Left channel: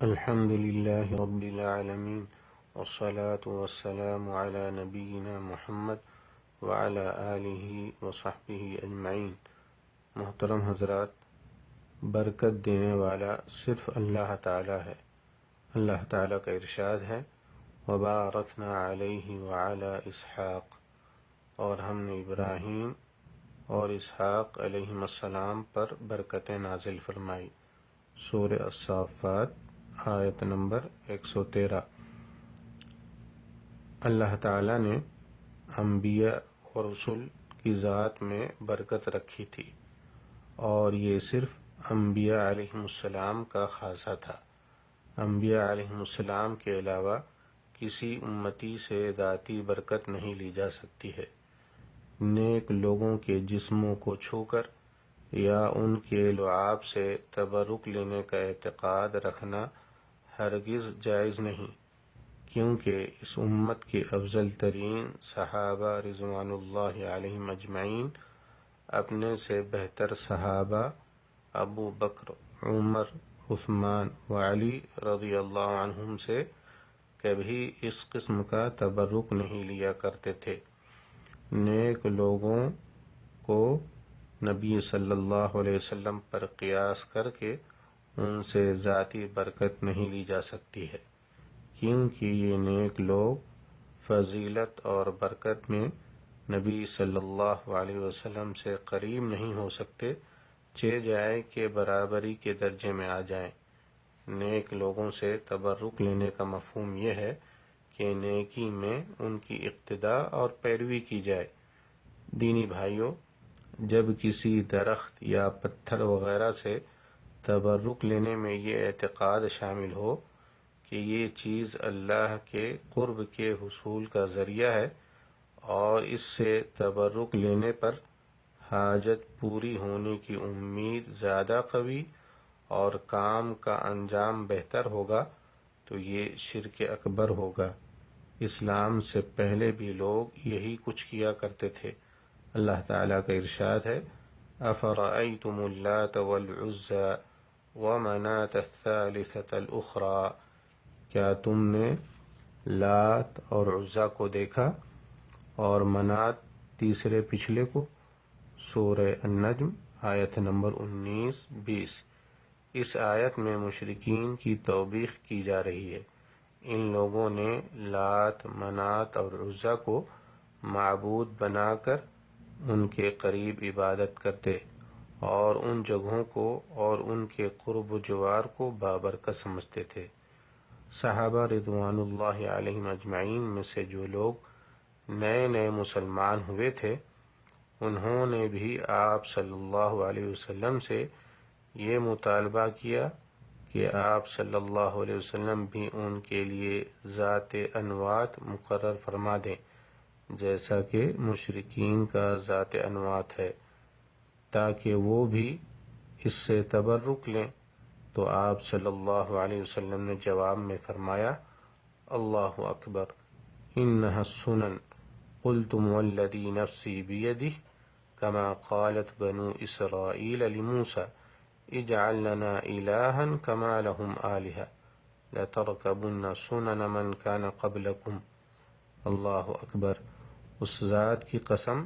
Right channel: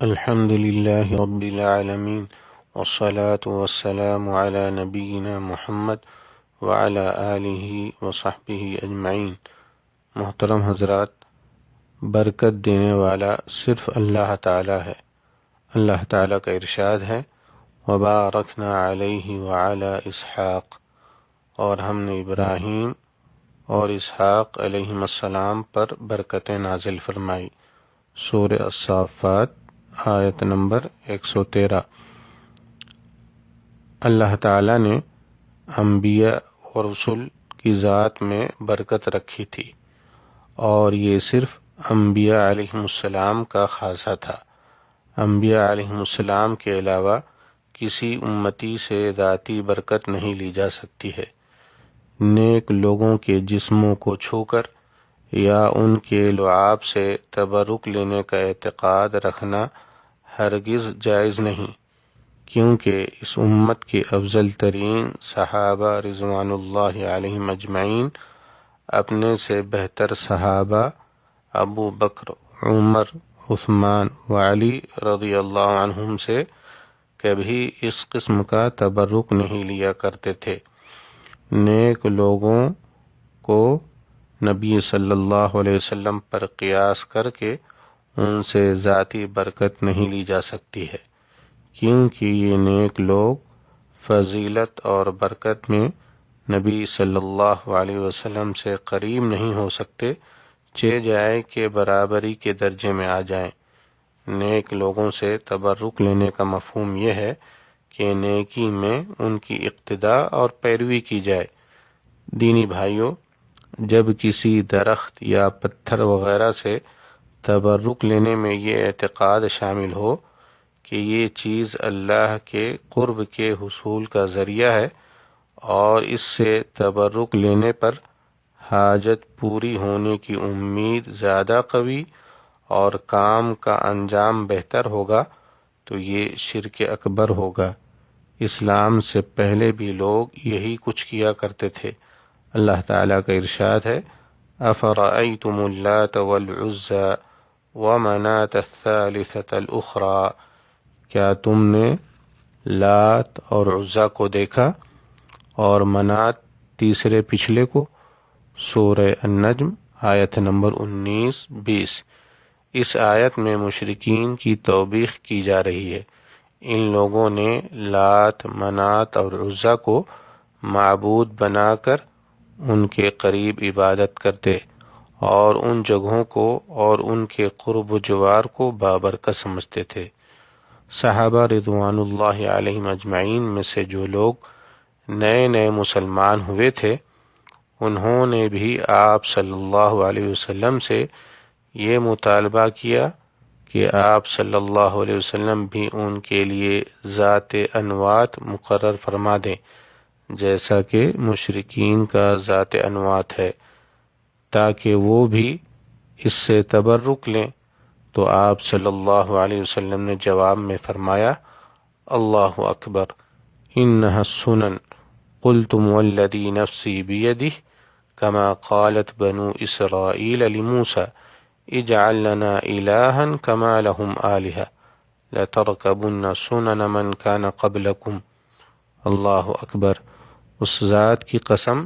الحمد لله رب العالمين والصلاة والسلام على نبينا محمد وعلى آله وصحبه اجمعین۔ محترم حضرات، برکت دینے والا صرف اللہ تعالی ہے۔ اللہ تعالی کا ارشاد ہے وَبَارَكْنَا عَلَيْهِ وَعَلَى إِسْحَاقَ، اور ہم نے ابراہیم اور اسحاق علیہم السلام پر برکتیں نازل فرمائی۔ سورہ الصافات آیت نمبر 113۔ اللہ تعالیٰ نے انبیاء اور رسل کی ذات میں برکت رکھی تھی، اور یہ صرف انبیاء علیہم السلام کا خاصہ تھا۔ انبیاء علیہم السلام کے علاوہ کسی امتی سے ذاتی برکت نہیں لی جا سکتی ہے۔ نیک لوگوں کے جسموں کو چھو کر یا ان کے لعاب سے تبرک لینے کا اعتقاد رکھنا ہرگز جائز نہیں، کیونکہ اس امت کے افضل ترین صحابہ رضوان اللہ علیہم اجمعین اپنے سے بہتر صحابہ ابو بکر، عمر، عثمان و علی رضی اللہ عنہم سے کبھی اس قسم کا تبرک نہیں لیا کرتے تھے۔ نیک لوگوں کو نبی صلی اللہ علیہ وسلم پر قیاس کر کے ان سے ذاتی برکت نہیں لی جا سکتی ہے، کیونکہ یہ نیک لوگ فضیلت اور برکت میں نبی صلی اللہ علیہ وسلم سے قریب نہیں ہو سکتے، چہ جائے کہ برابری کے درجے میں آ جائیں۔ نیک لوگوں سے تبرک لینے کا مفہوم یہ ہے کہ نیکی میں ان کی اقتداء اور پیروی کی جائے۔ دینی بھائیوں، جب کسی درخت یا پتھر وغیرہ سے تبرک لینے میں یہ اعتقاد شامل ہو کہ یہ چیز اللہ کے قرب کے حصول کا ذریعہ ہے، اور اس سے تبرک لینے پر حاجت پوری ہونے کی امید زیادہ قوی اور کام کا انجام بہتر ہوگا، تو یہ شرک اکبر ہوگا۔ اسلام سے پہلے بھی لوگ یہی کچھ کیا کرتے تھے۔ اللہ تعالیٰ کا ارشاد ہے أَفَرَأَيْتُمُ اللَّاتَ وَالْعُزَّى وَمَنَاةَ الثَّالِثَةَ الْأُخْرَى، کیا تم نے لات اور عزا کو دیکھا اور منات تیسرے پچھلے کو؟ سورہ النجم آیت نمبر 19-20۔ اس آیت میں مشرکین کی توبیخ کی جا رہی ہے۔ ان لوگوں نے لات، منات اور عزا کو معبود بنا کر ان کے قریب عبادت کرتے اور ان جگہوں کو اور ان کے قرب و جوار کو بابرکت سمجھتے تھے۔ صحابہ رضوان اللہ علیہم اجمعین میں سے جو لوگ نئے نئے مسلمان ہوئے تھے، انہوں نے بھی آپ صلی اللہ علیہ وسلم سے یہ مطالبہ کیا کہ آپ صلی اللہ علیہ وسلم بھی ان کے لیے ذات انوات مقرر فرما دیں، جیسا کہ مشرکین کا ذات انوات ہے، تاکہ وہ بھی اس سے تبرک لیں۔ تو آپ صلی اللہ علیہ وسلم نے جواب میں فرمایا اللہ اکبر، انہا السنن، قلتم والذی نفسی بیدہ کما قالت بنو اسرائیل لموسیٰ اجعل لنا الہا کما لہم آلہہ لترکبن سنن من کان قبلکم۔ اللہ اکبر، اس ذات کی قسم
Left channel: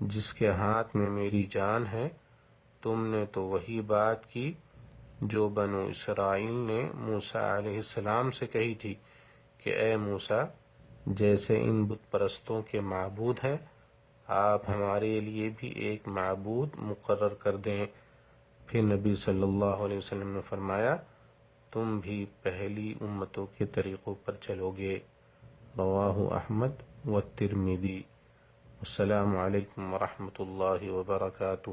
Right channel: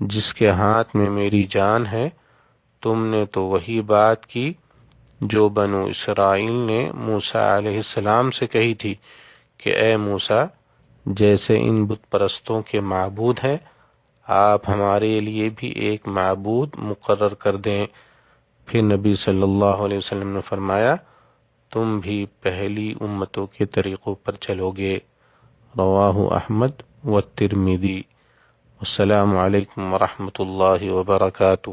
جس کے ہاتھ میں میری جان ہے، تم نے تو وہی بات کی جو بنو اسرائیل نے موسیٰ علیہ السلام سے کہی تھی کہ اے موسیٰ، جیسے ان بت پرستوں کے معبود ہیں، آپ ہمارے لیے بھی ایک معبود مقرر کر دیں۔ پھر نبی صلی اللہ علیہ وسلم نے فرمایا تم بھی پہلی امتوں کے طریقوں پر چلو گے۔ رواہ احمد والترمذی۔ السلام علیکم ورحمۃ اللہ وبرکاتہ۔